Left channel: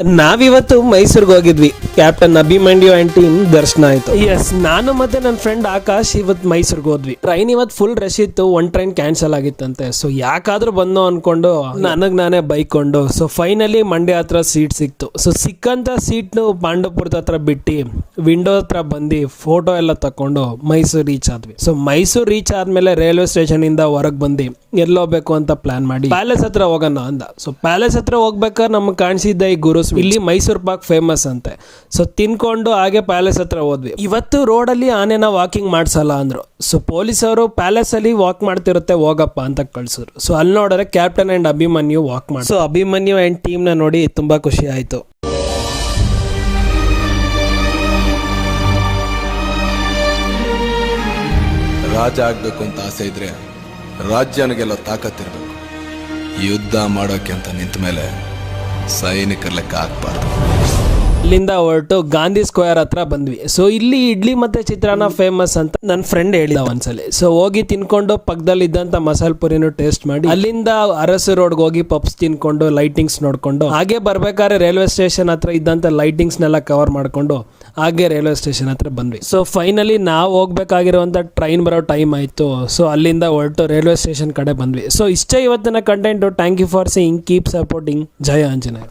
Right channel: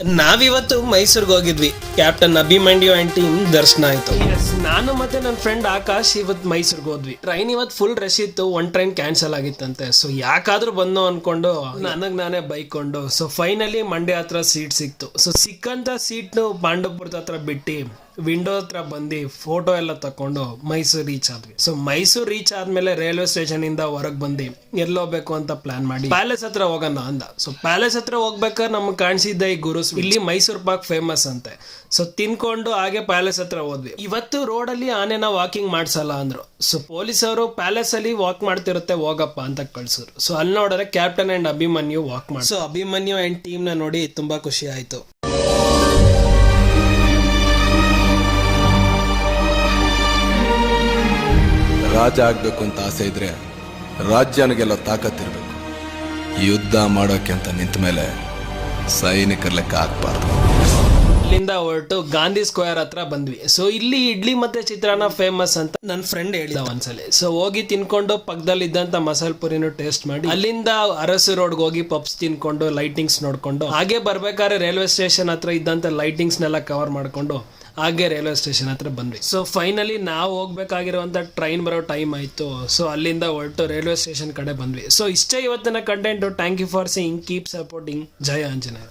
ನಾವಿವತ್ತು ಮೈಸೂರಿಗೆ ಹೋಗಿದ್ವಿ. ಕ್ಯಾಪ್ಟನ್ ಅಭಿಮನ್ಯು ಅಂಡ್ ಟೀಮ್ ದರ್ಶನ ಆಯ್ತು. ಎಸ್, ನಾನು ಮತ್ತೆ ನನ್ನ ಫ್ರೆಂಡ್ ಆಕಾಶ್ ಇವತ್ತು ಮೈಸೂರಿಗೆ ಹೋದ್ವಿ. ಟ್ರೈನ್ ಇವತ್ತು ಫುಲ್ ರಶ್ ಇತ್ತು, ಒಂದ್ ಟ್ರೈನ್ ಕ್ಯಾನ್ಸಲ್ ಆಗಿತ್ತಂತೆ. ಸೊ ಯಾಕಾದ್ರೂ ಬಂದು ಅನ್ಕೊಂಡು ನನಗ್ ನಾನೇ ಬೈಕೊಂಡು ಸೊ ಫೈನಲಿ ಮಂಡ್ಯ ಹತ್ರ ಸೀಟ್ ಸಿಕ್ತು. ಸೊ ಸಿಕ್ಕಂತ ಸೀಟ್ ಪಾಂಡವಪುರದ ಹತ್ರ ಬಿಟ್ಟು ವಿಂಡೋ ಹತ್ರ ಬಂದು ಫೋಟೋ ಎಲ್ಲ ತಕೊಂಡು ಮೈಸೂರು ರೀಚ್ ಆದ್ವಿ. ಸೊ ಮೈಸೂರು ರೀಚ್ ಆದ್ಮೇಲೆ ರೈಲ್ವೆ ಸ್ಟೇಷನ್ ಇಂದ ಹೊರಗೆ ಬಂದು ಎಲ್ಲೋಗ್ಬೇಕು ಅಂತ ಪ್ಲಾನ್ ಮಾಡಿ ಪ್ಯಾಲೇಸ್ ಹತ್ರ ಹೋಗೋಣ ಅಂದ. ಸೊ ಪ್ಯಾಲೇಸ್ ಹತ್ರ ಹೋಗ್ಬೇಕಾದ್ರೆ ನಮ್ಗೆ ಕಾಣಿಸಿದ್ದ ಈ ಗುರು ಇಲ್ಲಿ ಮೈಸೂರು ಪಾಕ್ ಫೇಮಸ್ ಅಂತೆ. ಸೊ ತಿನ್ಕೊಂಡು ಹಾಗೆ ಪ್ಯಾಲೇಸ್ ಹತ್ರ ಹೋದ್ವಿ. ಇವತ್ತು ರೋಡಲ್ಲಿ ಆನೆನ ವಾಕಿಂಗ್ ಮಾಡ್ಸಲ್ಲ ಅಂದ್ರು. ಸೊ ಪೊಲೀಸವರು ಪ್ಯಾಲೇಸ್ ಅಲ್ಲಿ ವಾಕ್ ಮಾಡ್ತಿರುತ್ತೆ, ಹೋಗಪ್ಪ ಅಂತ ಕಳ್ಸಿದ್ರು. ಸೊ ಅಲ್ಲಿ ನೋಡಿದ್ರೆ ಕ್ಯಾಪ್ಟನ್ ಅಂಡ್ ಅಭಿಮನ್ಯು ವಾಕ್ ಮಾಡಿ. ಸೊ ಅಭಿಮನ್ಯು ಅಂಡ್ ಟೀಮ್ ನ ನೋಡಿ ತುಂಬಾ ಖುಷಿ ಆಯ್ತು. ರಾಜ ಆಗ್ಬೇಕು ಅಂತ ಆಸೆ ಇದ್ರೆ ರಾಜ್ಯನಿಗೆಲ್ಲ ತಾಕತ್ತಿರ್ಬೇಕು. ಯುದ್ಧ ಮಾಡೋಕೆ ಅಂತ ನಿಂತ ಮೇಲೆ ಸೈನಿಕರ ಲೆಕ್ಕ ಹಾಕ್ಬಾರ್ದು. ಇಲ್ಲಿಂದ ಹೊರಟು ಗಾಂಧಿ ಸ್ಕ್ವೇರ್ ಹತ್ರ ಬಂದ್ವಿ. ಸೊ ಇಲ್ಲಿ ಇಡ್ಲಿ ಮತ್ತೆ ಚಿತ್ರಾನ್ನ ಫೇಮಸ್ ಅಂತ ನನ್ನ ಫ್ರೆಂಡ್ ಹೇಳಿದ ಒಂದ್ಸಲಿ. ಸೊ ಹೋಗಿ ತಿನ್ಕೊಂಡು ಪಕ್ಕದಲ್ಲಿ ಇದ್ದಂತ ಮಸಾಲೆ ಪುರಿನೂ ಟೇಸ್ಟ್ ಮಾಡಿ ಅಲ್ಲಿಂದ ಅರಸು ರೋಡ್ಗೆ ಹೋಗಿ ಪಪ್ಸ್ ತಿನ್ಕೊಂಡು ಲೈಟಿಂಗ್ಸ್ ನೋಡ್ಕೊಂಡು ಹಾಗೆ ಬರ್ಬೇಕಾದ್ರೆ ರೈಲ್ವೆ ಸ್ಟೇಷನ್ ಹತ್ರ ಇದ್ದಂತ ಲೈಟಿಂಗ್ಸ್ ನೆಲ್ಲ ಕವರ್ ಮಾಡ್ಕೊಂಡು ಹಾಗೆ ರೈಲ್ವೆ ಸ್ಟೇಷನ್ ಹತ್ರ ಬಂದ್ವಿ. ಸೊ ಫೈನಲಿ ನಾವು ಹೋಗ್ಬೇಕಾಗಿರುವಂತ ಟ್ರೈನ್ ಬರೋ ಟೈಮ್ ಆಯ್ತು. ಸೊ ಅಲ್ಲಿಂದ ಹೊರಟು ರೈಲ್ವೆ ಸ್ಟೇಷನ್ ಕಡೆ ಬಂದ್ವಿ. ಸೊ ಇಷ್ಟೇ ಇವತ್ತಿನ content. Thank you for seeing, keep supporting. ಜಯ ಆಂಜನೇಯ.